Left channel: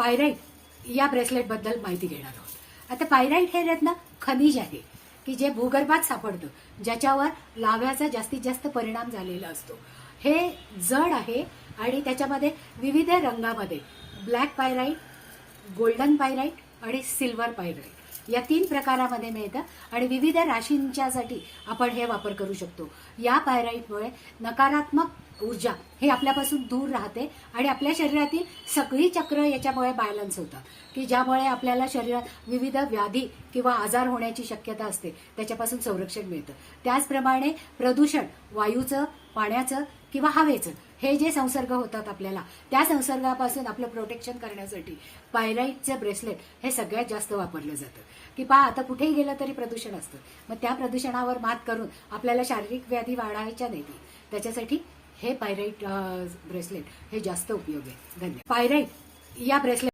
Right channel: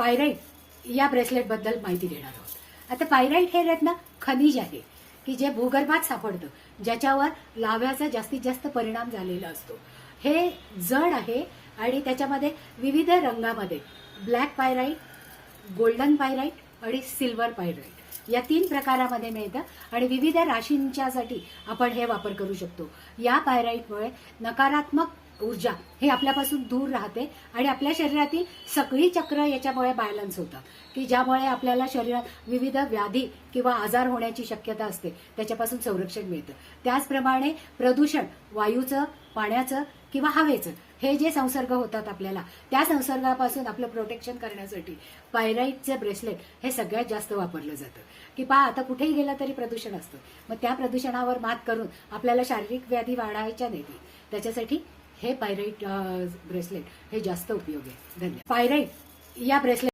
Pyrite या ब्रेसलेटबद्दल माहिती घेणार आहोत. आता पायराईट हे रत्न खनिज आहे की जे भूगर्भात सापडतं, ज्याच्यावर लाव्याचा जास्तीत जास्त परिणाम झालेला असतो. हे जड आहे आणि त्याच्यामध्ये विविध रंगामध्ये ब्लॅक पायराईट, गोल्डन पायराईट आणि सिल्वर पायराईट या 3 प्रकारामध्ये मिळतं आणि विविध राशींच्यासाठी आपण हे वापर करू शकतो. या पायराईटमुळे नकारात्मक ऊर्जा हे आपल्यापासून दूर राहते आणि आपल्या शरीरातील सगळी चक्र याच्यामुळे बॅलन्स होतात, की ज्यामुळे आपल्याला शरीरात विविध व्याधी किंवा आजार होण्याची शक्यता असते, त्याच्यापासून संरक्षण मिळतं. त्याचप्रमाणे प्रदूषण, वायूचं, पाण्याचं किंवा हवेचं हे जे संसर्ग होतात आपल्याला, त्या संसर्गापासून आपलं प्रोटेक्शन करण्यासाठी पायराईटचे ब्रेसलेट हे सगळ्यात जास्त वापरलं जातं. की पहा, आता कुठेही गेलं तरी प्रदूषण असतं, मग त्या प्रदूषणावर मात करून आपल्याला शारीरिक व्याधी वाढायच्या नाही, त्याच्यासाठी हे पायराईट ब्रेसलेट हे जास्त उपयोगी. धन्यवाद. पायराईट या ब्रेसलेट